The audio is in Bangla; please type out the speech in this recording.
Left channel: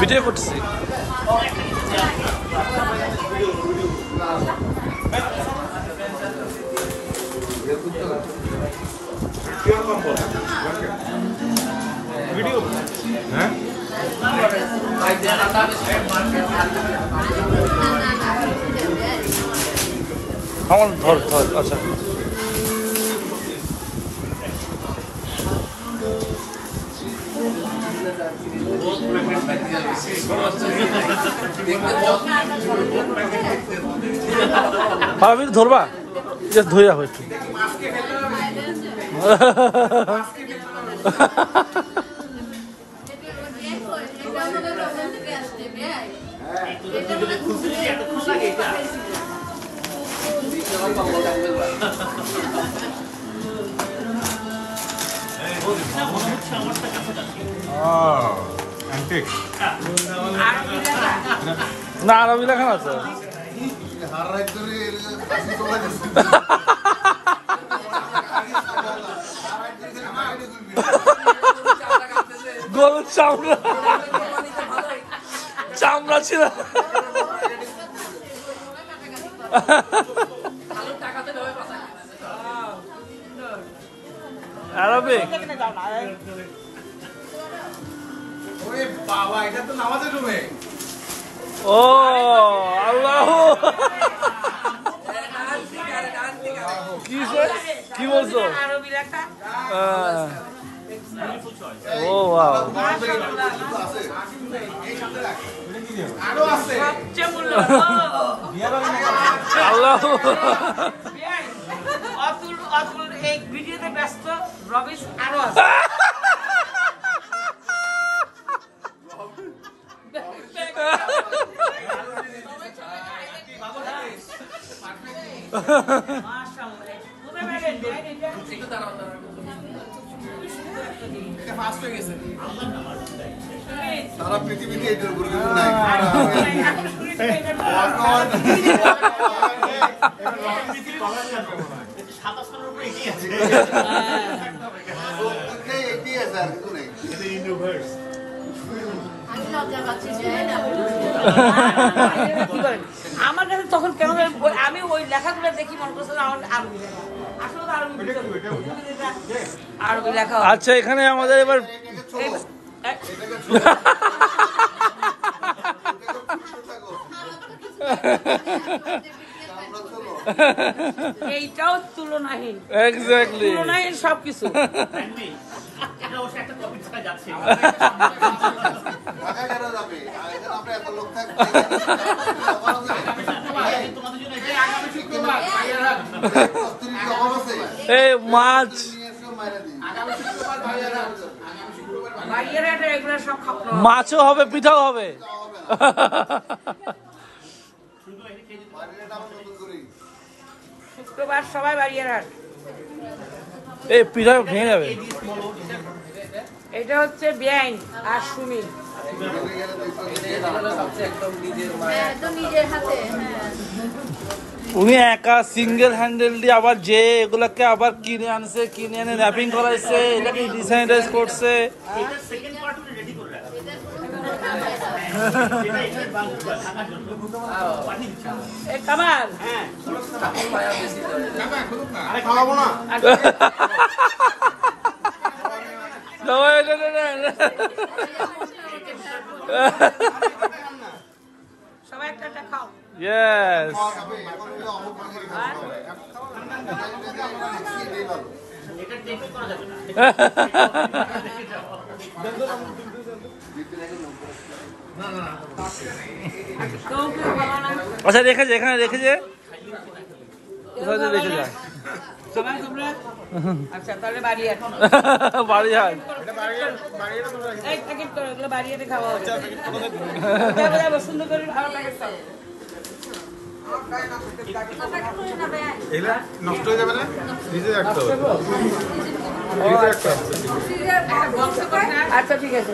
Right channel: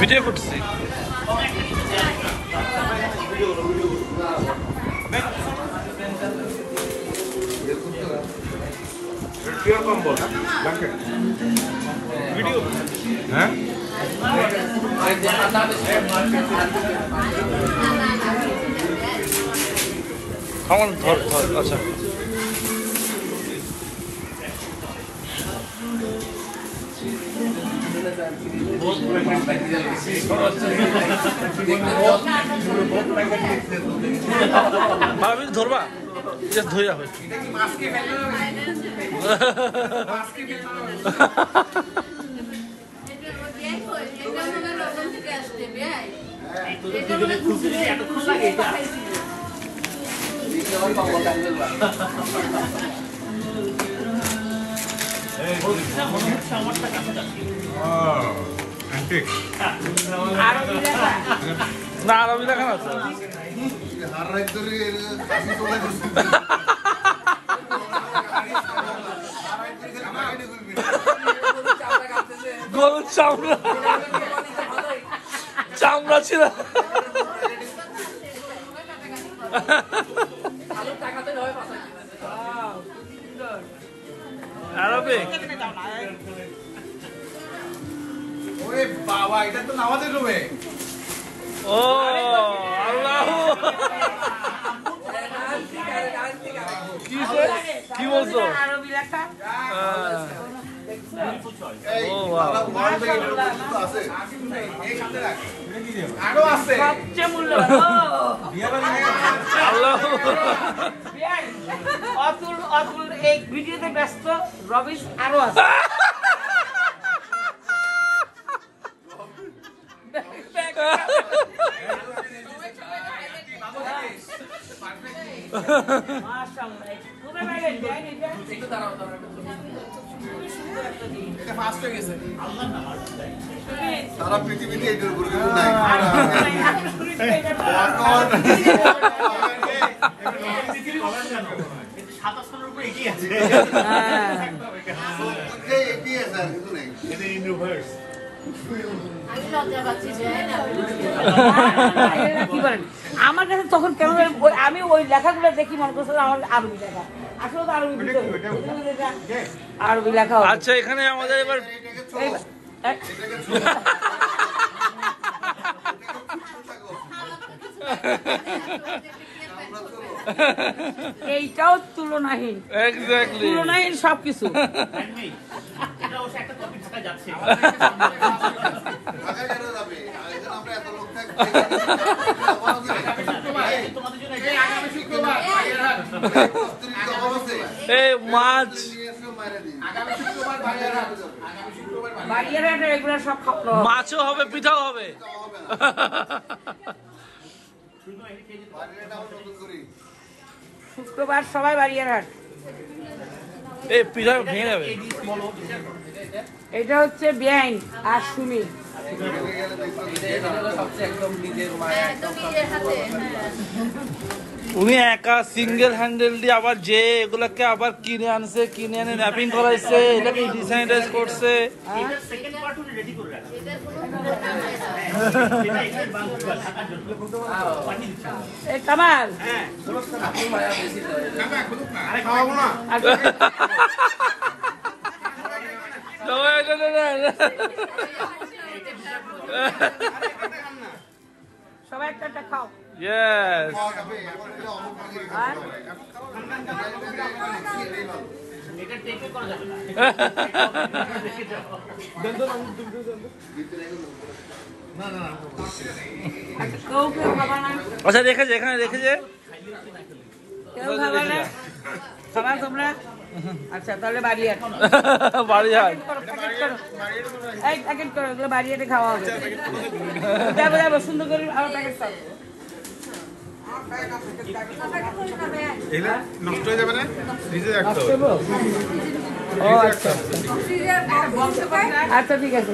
ভিডিও করছি। হ্যাঁ আমার ধর ধর আচ্ছা আমি ধরবা ধুইয়া হয়েছে না আরবি লেখা আছে গরুর চামড়া চামড়া ছিল আরবে বাবা এটা তো নামাজের রুমে ও আল্লাহ কি বলছো ও আল্লাহ অতুল অতুল এই ভিডিওতে ব্যস্ত রবিশ আরো আছে সারা পৃথিবীতে এটার উপর কিছু নাই আমার কাছে তখন কেমন আমি ওই লেখাগুলো দেখি মনে করছি আমার আরবি লেখা আসলে তো আরবি লেখা আচ্ছা এখানে আমাদের এবার এইটাও তুলনাহীন এক্স্যাক্টলি তুলনাহীন সবকিছু এই মাছ মাছও হবে পিঠাও হবে শুক্রবার সবাই বাড়িয়ারহাট এই পিঠা ভেঙে যাবে এটা হচ্ছে ব্যাং আর সুমি উনি একা সিঙ্গেল হ্যান্ডেল দিয়ে আবার যে এগুলাকে আবার কিনে আনছে কিনে এনে র্যাপিং করাইছে এটাকে ডিসাইনারাইজ করছে কামাল সবাই একটা খাও Yes. আচ্ছা রেখেছে এখানে রেখেছে আচ্ছা তাহলে বাড়ি বাড়ি হাট বাড়িতে খাওয়া হবে সুন্দর করে নষ্ট হয়ে যাবে না ভিজে রাখতে হবে আচ্ছা ঠিক আছে।